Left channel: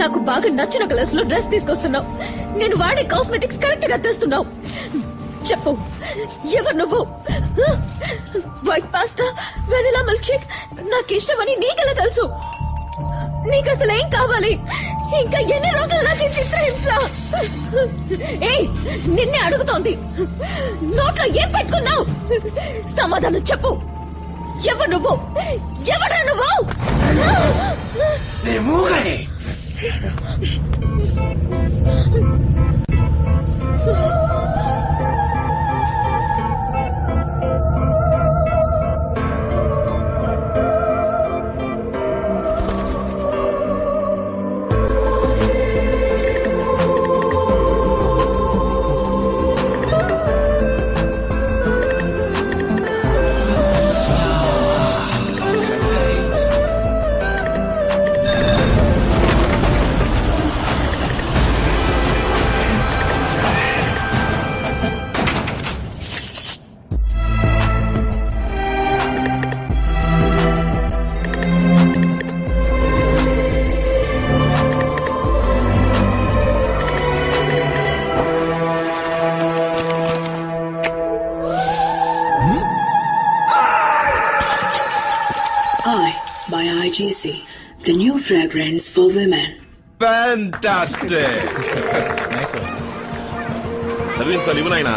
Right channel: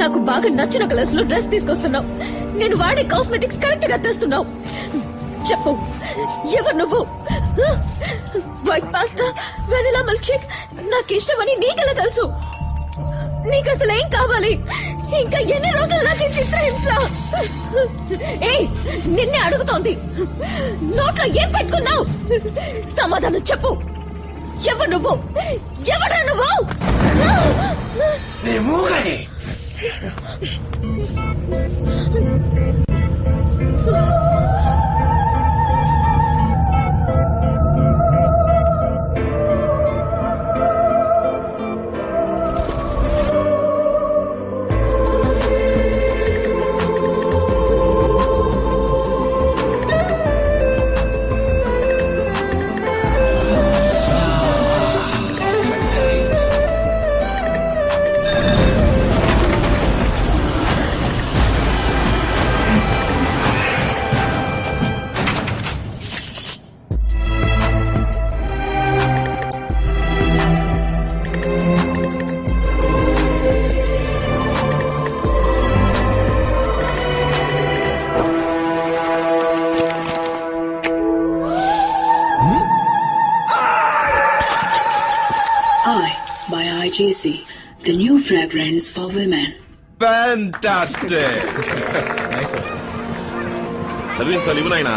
నాకు బాగా నచ్చిన కలర్స్ లో డ్రెస్ తీసుకొస్తున్నావు. నేను వాడే కాస్మెటిక్స్ కరెక్ట్ గా తెస్తున్నావు. చెప్పు, ఎవరు నువ్వు? White pasta, vanilla milk shake నాకు ఇష్టమని నీకెలా తెలుసు? నీకు అసలు ఏం కావాలి? ఇంకా ఎన్ని రోజులు నాకు చిత్రహింస? నిన్నే అడుగుతోంది. నోట్లో ఏం పెట్టుకున్నావు? సమాధానం చెప్పు. ఎవరు నువ్వు? ఎవరా నువ్వు? IGC, the new fragrance for women. Fantastic! Nice one. Sarveen Salivanaina.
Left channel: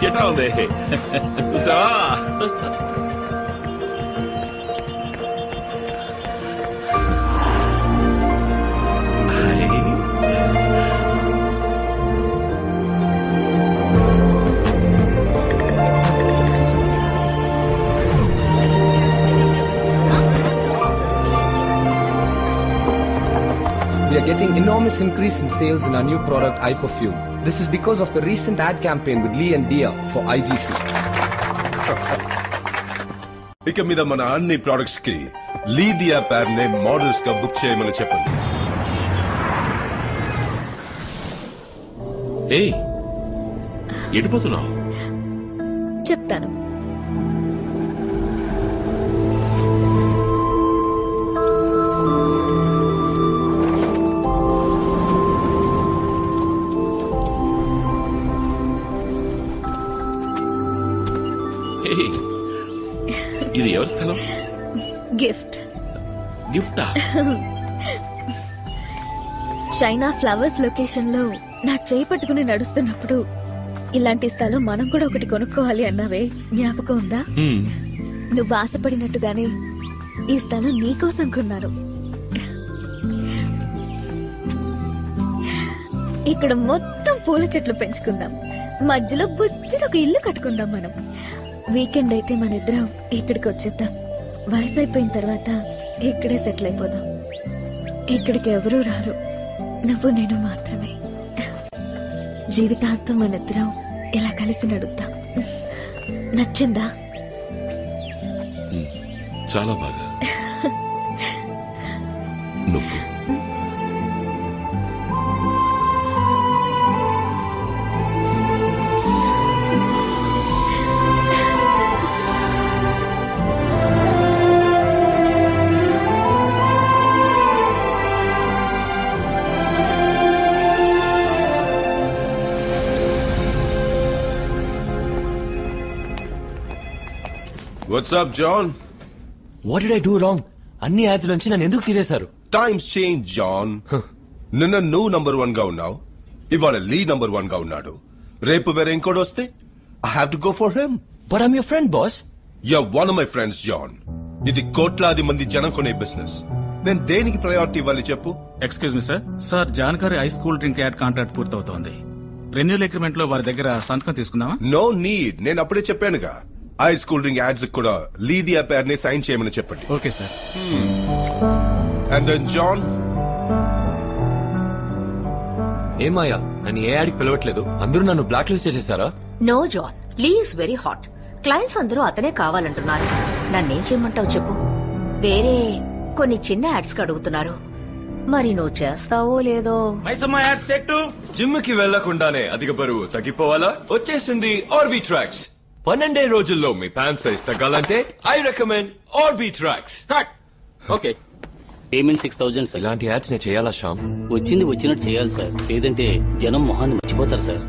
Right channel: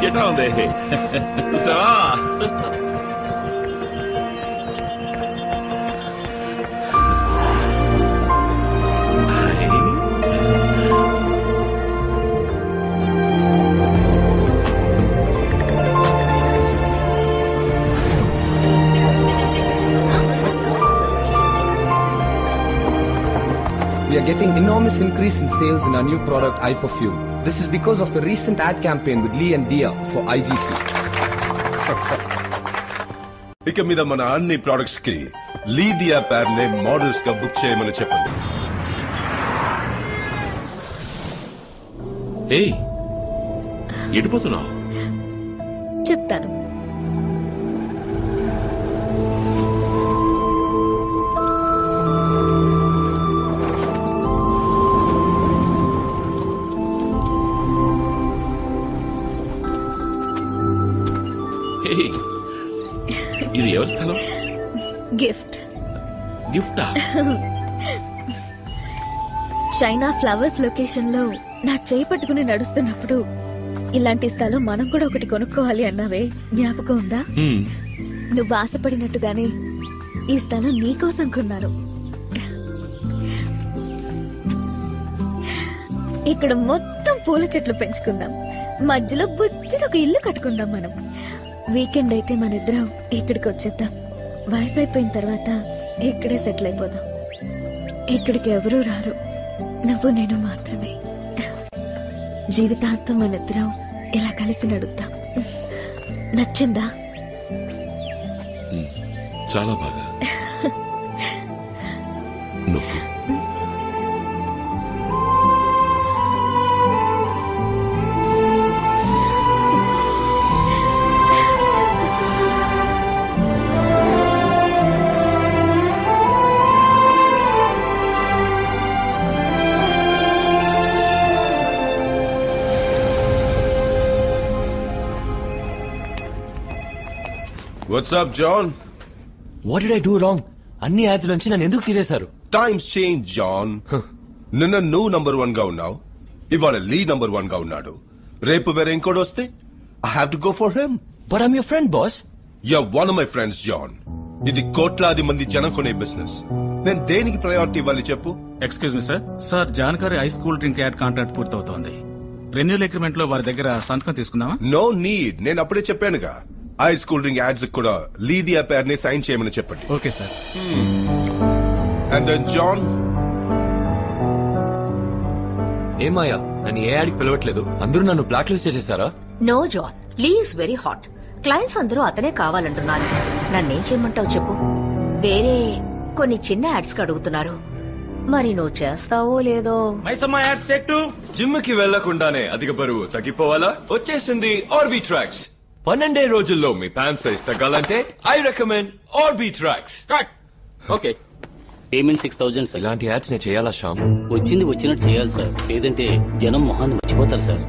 Get on there. So. We are getting enormous increase in sales in our new product, iPerfume. This is because of the recent ad campaign with Lee and Dia for IGC. ఇక మీద మన అన్ని products కి లీ దియా పేర్ నే models గా book చేయమని చెప్పండి. ఏయ్, ఎడిపోతున్నావు? చెప్తాను. ఇది ఎవరి స్థలం? గిఫ్ట్. గిఫ్టా? చైనా ఫ్లవర్స్ లొకేషన్ లో నా చేయి పట్టుకుని నడుస్తున్నప్పుడు ఇలాంటి స్థలం మనం కూడా ఒకటి కొనుక్కోవాలి అన్నావే, జ్ఞాపకం ఉందా? నువ్వు ఆశపడినట్టుగానే ఈ స్థలం నీకోసం కొన్నాను. ఇక్కడ మొత్తం పూల చెట్లు పెంచుకుందాం, మధ్యలో బుజ్జిది ఒక ఇల్లు కట్టుకుందాం. మనం వీకెండ్ అయితే మన ఇద్దరం ఇక్కడికి వచ్చేద్దాం. వయసు అయిపోయిన తర్వాత ఇక్కడే సెటిల్ అయిపోదాం. ఇక్కడికి ఎవరూ రారు, నువ్వు నేను మాత్రమే. జీవితాంతం మన ఇద్దరం ఇలా కలిసి నడుద్దాం. నచ్చిందా? చాలా బాగా. నువ్వు What's up, John? What did I do wrong? అన్ని యాడ్స్ నుంచి నన్ను ఎందుకు తీసేశారు? Times change, John. నిన్న నువ్వు నంబర్ 1 గా ఉన్నావు, ఇవాళ లీ నంబర్ 1 గా ఉన్నాడు. రేపు వేరే ఇంకోటి వస్తే I have to go for him. But I'm your friend, boss. You're one of my friends, John. ఇది కోట్లాది మంది జనం కొనే బిజినెస్. నేను దేనికి ప్రయారిటీ ఇవ్వాలి చెప్పు? Excuse me sir. సార్ జాన్కారీ ice cool drink ad contract పూర్తవుతోంది. రెన్యూల్ అగ్రిమెంట్ లో వారి దగ్గర సంతకం తీసుకుందామా? No need. నేను అప్పుడే చెప్పానుగా, ఐస్ కూల్ డ్రింక్ యాడ్స్ కూడా లీ దియా పేర్ ని సైన్ చేయమని చెప్పండి. Okay sir. And then John, ఏమాయా నన్ను ఏ యాడ్కి పిలవట్లేదు, అందరూ నన్ను బ్లాక్ లిస్ట్ చేసేసారా? No John, Lee is very hot. Clients అందరూ అతనే కావాలంటున్నారు. నన్నేం చేయమంటావు చెప్పు? వేరే కొన్ని చిన్న యాడ్స్ కి అడుగుతున్నారు, మరి నువ్వు చేస్తావో లేదో. జిమ్ కి వెళ్లకుండానే అధిక బరువు తగ్గిపోవాలా? వచ్చేసింది ఆర్బీ ట్రాక్స్. 12 రోజుల్లో మీ ప్యాంట్ సైజ్ తగ్గాలంటే I recommend RB tracks. Cut. Okay. Payment 6,000 sir. ఇలాంటి యాడ్స్ నేను చేయాలా శ్యామ్? వచ్చింది వచ్చినట్టు చేయాలి సార్, లేదంటే జనం మొహాన్ని మర్చిపోతారు సార్.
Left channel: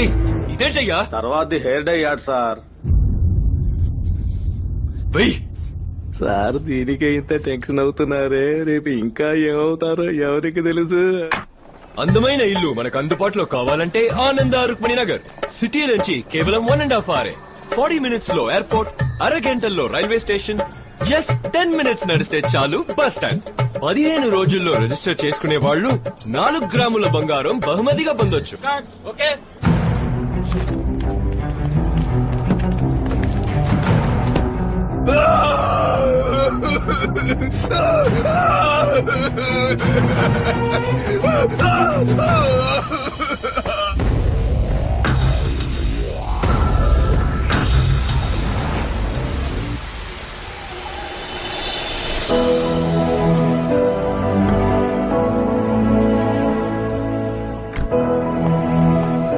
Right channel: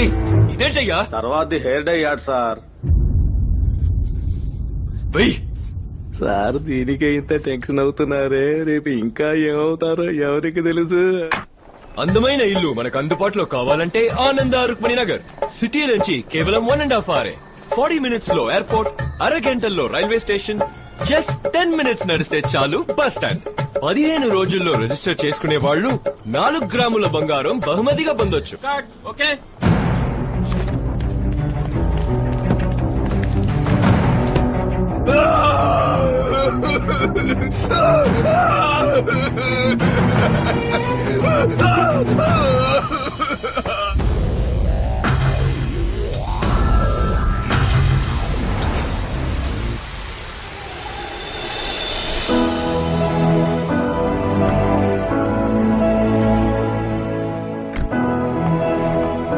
ఏయ్ ఇదేంటయ్యా? తర్వాత హెయిర్ డై యాడ్ సార్. వెయ్ సార్ దీనికి ఇంత టెన్షన్ అవుతున్నారే, రేపు ఇంకా ఏమవుతారో ఎవరికి తెలుసు. అందమైన ఇల్లు మనకు అందుబాటులో కావాలంటే ఆనంద రుక్మిణి నగర్. సిటీ నుంచి కేవలం 1.5 hours. 40 minutes లో ఎయిర్పోర్ట్, అరగంటల్లో రైల్వే స్టేషన్, జస్ట్ 10 minutes నడిస్తే చాలు బస్ స్టాండ్. 15 రోజుల్లో రిజిస్టర్ చేసుకునే వాళ్ళు 4 గ్రాముల బంగారం బహుమతిగా పొందొచ్చు. Okay.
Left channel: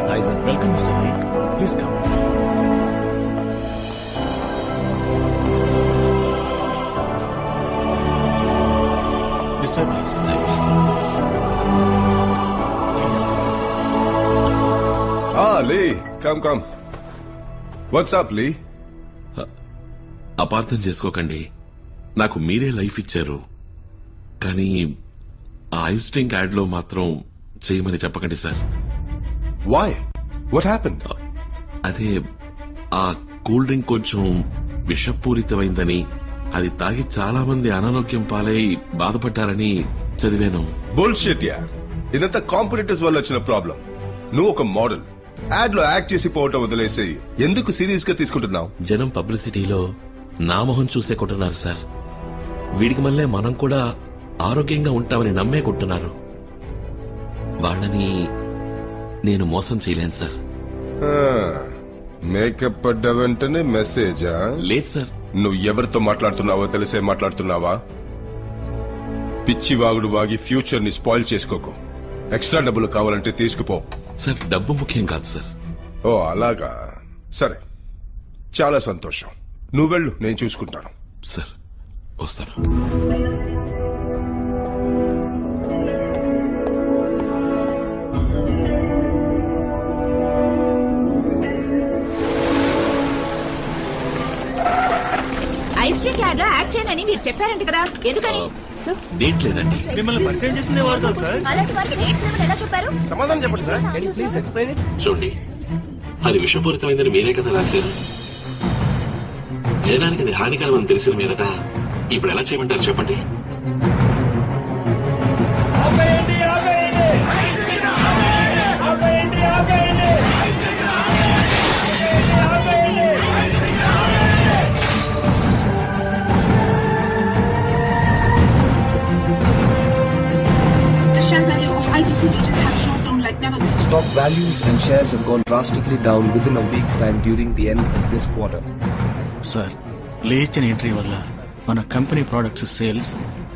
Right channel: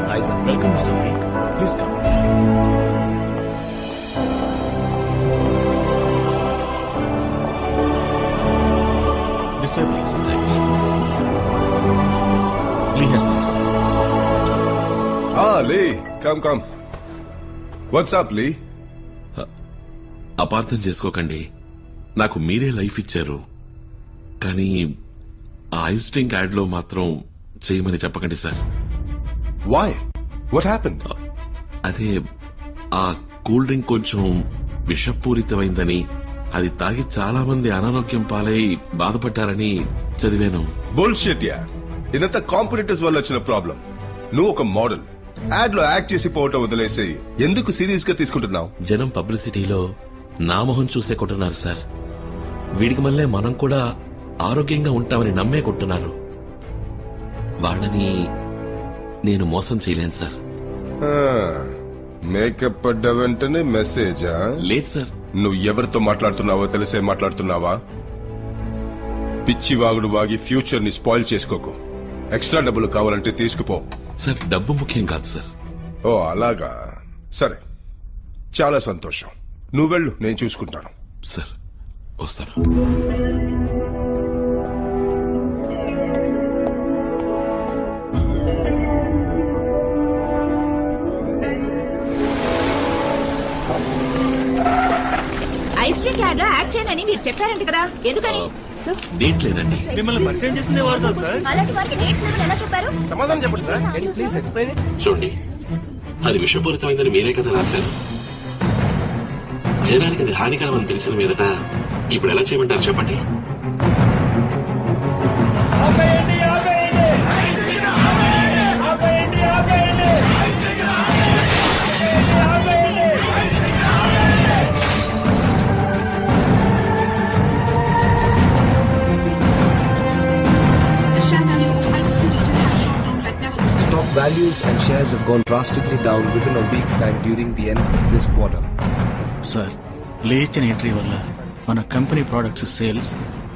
Hi sir. Welcome mister week, please come. This way, please. Thanks. Lee has been, sir. Lee, come. What's up, Lee? అపార్థం చేసుకోకండి, నాకు మీరే లైఫ్ ఇచ్చారు, కానీ ఆ ఐస్ డ్రింక్ యాడ్ లో మాత్రం చేయమని చెప్పకండి సార్. Why? What happened? అదే ఆ కూల్ డ్రింక్ కొంచెం విషపూరితమైందని, అది తాగి చాలా మంది అనారోగ్యం పాలై బాధపడ్డారని చదివాను. బుల్షిట్ యార్. ఇదంతా కాంపిటీటర్స్ వల్ల వచ్చిన ప్రాబ్లం. నువ్వు ఒక మోడల్, యాడ్ లో యాక్ట్ చేసి పోవటం వదిలేసి ఎందుకు సీరియస్ గా తీసుకుంటున్నావు? జనం పబ్లిసిటీలో నా మొహం చూసే కొంటున్నారు సార్. వీడికి మళ్ళీ మనం కూడా ఆరోగ్యంగా ఉంటామని నమ్మే కొంటున్నారు. వాళ్ళని నేను మోసం చేయలేను సార్. మేకప్ పడ్డ వెంటనే మెసేజా? లేదు సార్. నువ్వు ఎవరితో మాట్లాడుతున్నావో తెలిసే మాట్లాడుతున్నావా? పిచ్చి వాగుడు వాగి ఫ్యూచర్ ని స్పాయిల్ చేసుకోకు. ఎక్స్ట్రా డబ్బులు కావాలంటే తీసుకుపో. సార్ డబ్బు ముఖ్యం కాదు సార్. ఓ అలాగా, సరే చాలా సంతోషం. నువ్వు వెళ్ళు, నేను చూసుకుంటాను. సార్ వస్తాను. ఐస్ డ్రింక్ యాడ్ లో యాడ్ చేయనని మీరు చెప్పారంట కదా, ఎందుకని? డేట్ లేదండి. మిమ్మల్ని పరిచయం చేసిందే వారు కదా సార్. అలాంటి వారికి డేట్స్ లేవని ఎలా చెప్పారు? సమాధానం చెప్పండి సార్. చూడండి, అది విషపూరితమైందని మీరే కదా రాశారు. జనానికి అది హానికరం అని తెలిసిన మీదట ఇప్పుడు ఎలా చేయమంటారు చెప్పండి. Stock values and shares have gone drastically down within a week's time during the end of this quarter. Sir, లేచిన ఎంట్రీ వల్ల మన company products sales,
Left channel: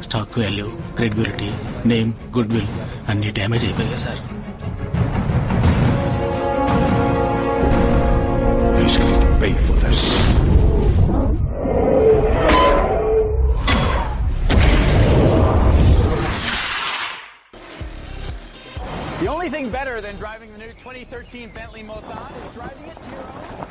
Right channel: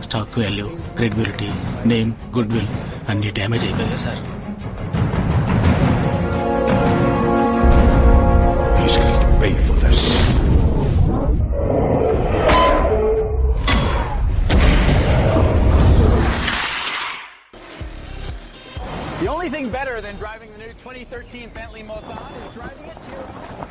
stock value, credibility, name, good will అన్ని డ్యామేజ్ అయిపోయాయి sir. He's going to pay for this. The only thing better than driving the new 2013 Bentley Mulsanne is driving it to your own.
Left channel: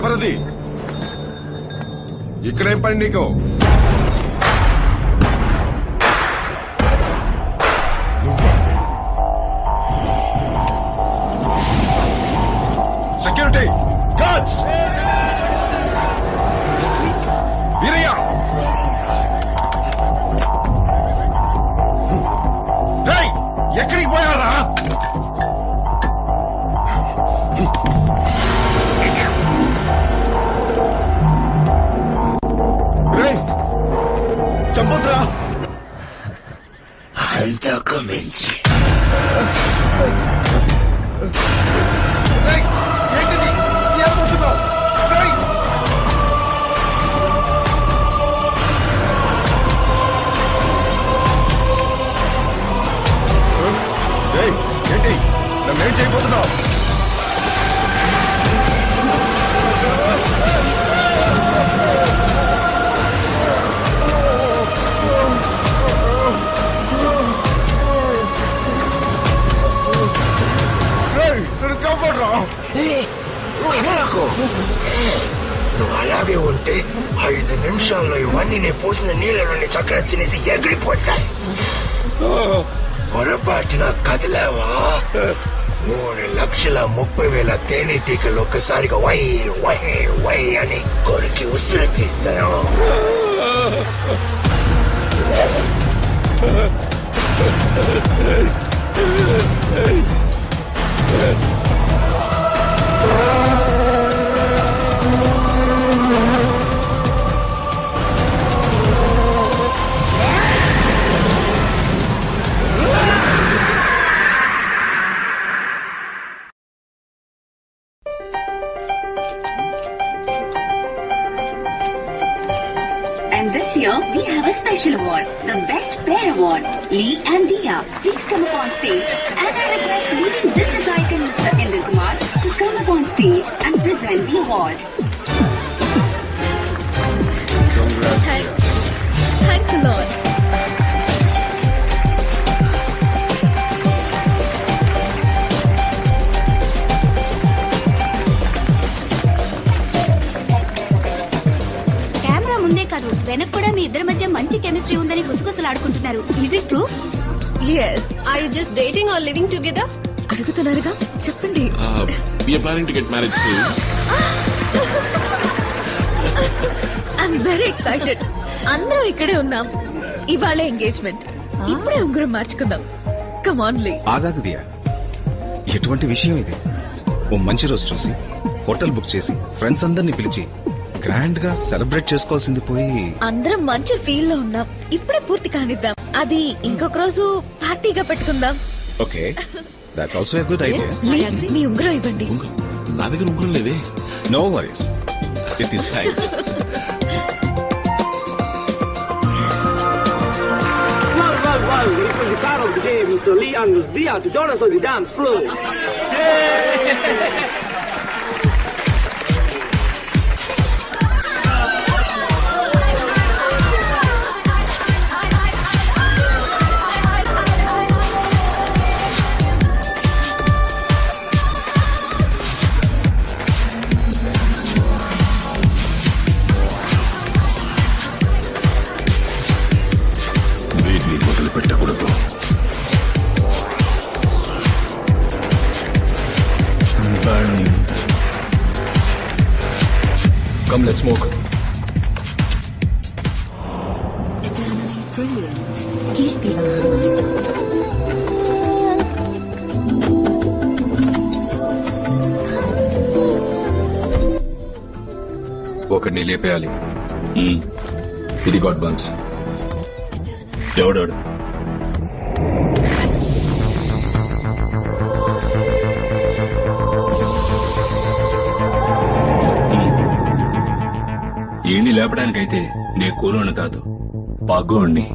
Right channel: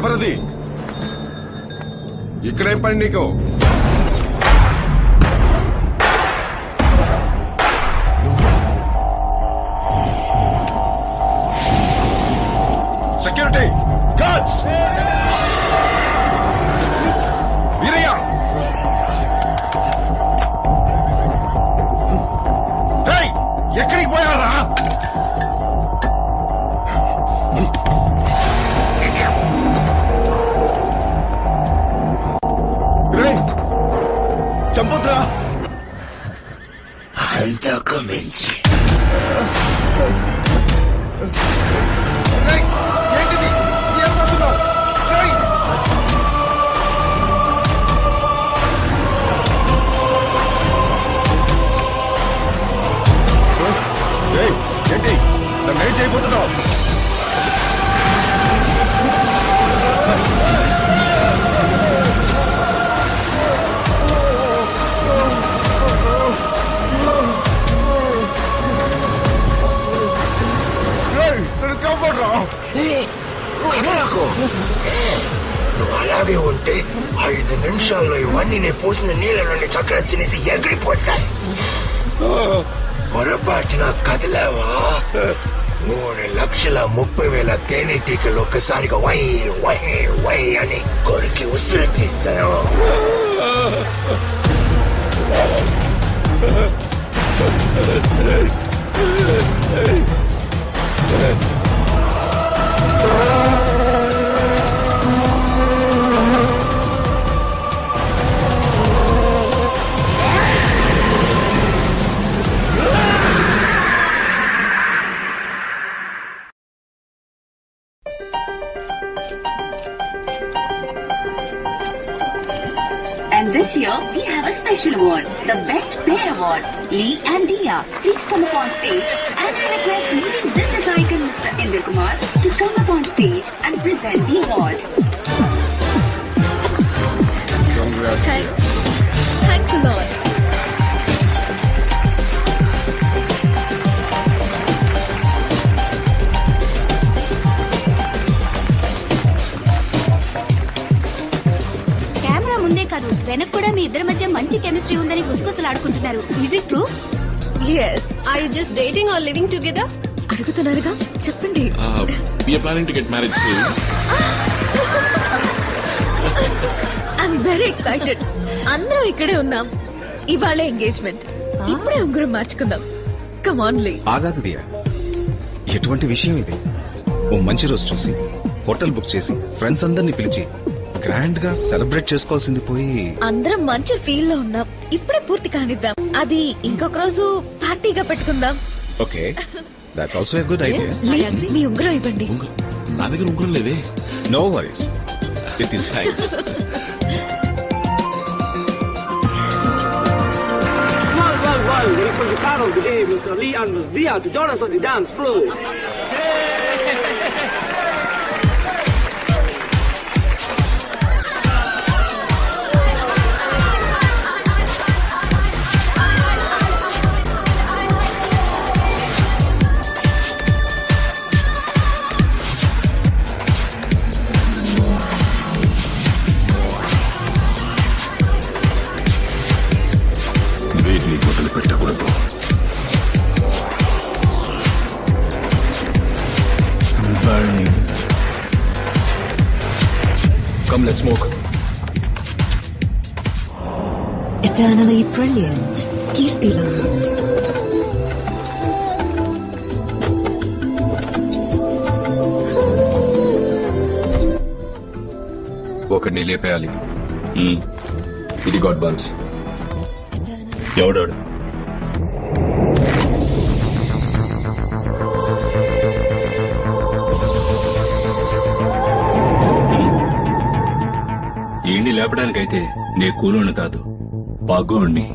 ఎవరది? ఇక్కడేం పని నీకు? Security chance. Veeraiah, రేయ్, ఎక్కడికి పోయారా? రేయ్, చంపొద్దురా. అంతకు మించి రేయ్, ఏంటిది? ఏం పోతున్నావు? రేయ్, రేయ్, ఏంటి నన్నేం చేయబోతున్నావు? నన్ను కాపాడరా. నువ్వు అలాగే ఉంటే 5 నిమిషాల్లో ఇవన్నీ నేను పోసిన నీళ్ళలోని చక్కెర తినేసి ఎగిరిపోతాయి. పొరపాటున కదిలేవా 3,30,000 తేనెటీకలు ఒక్కసారిగా వై వై వై అని కొరికి ఉసురు తీస్తాను. And this year, we have a special award, the Best Pair Award. Lee and Dia, please come up on stage. And I request leading business icon Mr. Inder Kumar to come up on stage and present the award. Congrats. Thanks a lot. Camera ముందే కాదు వెనక్ కూడా మీ ఇద్దరి మధ్య మంచి chemistry ఉందని గుసగుసలాడుకుంటున్నారు. Is it true? Yes. Are you just dating or living together? అడుగుతున్నారుగా, చెప్పండి. We are planning to get married soon. I'm very excited. అందరం ఇక్కడే ఉన్నాం. ఇవాళ ఎంగేజ్మెంట్. ఇప్పుడే ఉంగరం మార్చుకుందాం. Come on, Lee. ఆగాకు దియా, ఎటువంటి విషయం ఇది? ఓ మంచి రోజు చూసి హోటల్ బుక్ చేసి ఫ్రెండ్స్ అందరినీ పిలిచి గ్రాండ్ గా సెలబ్రేట్ చేసుకోవాల్సింది పోయి అందరం మంచి ఫీల్ లో ఉన్నాం. ఇప్పుడే పూర్తి కానిద్దాం. అది ఇంకొక రోజు పార్టీగా పెట్టుకుందాం. Okay, that's also a good idea. మీ ఉంగరం ఇవ్వండి. నా దగ్గర ఉంగరం లేదే. No worries, it is thanks. Well, it was the car of the day, Mr. Lee and Ms. Dia to join us on the dance floor. వీటిని మొదలు పెట్టకూడదు. I'm burning. Come, let's smoke. Eternally brilliant. Kirti Lance. ఒకడిని లేపేయాలి. ఇది God buns. ఎవడాడు? ఏండి లేపడానికైతే నే కూలోని కాదు, పగ్గోణ్ణి.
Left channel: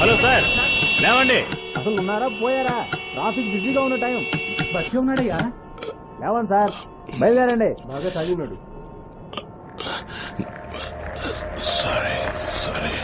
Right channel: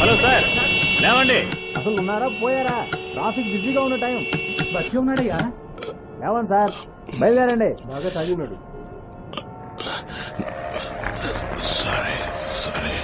Hello sir, లేవండి. అసలు ఉన్నారా పోయారా? ట్రాఫిక్ బిజీగా ఉన్న టైం. బస్సు ఉన్నాడయ్యా. లేవండి సార్, బయలుదేరండి. బాగా తాగినాడు. సారీ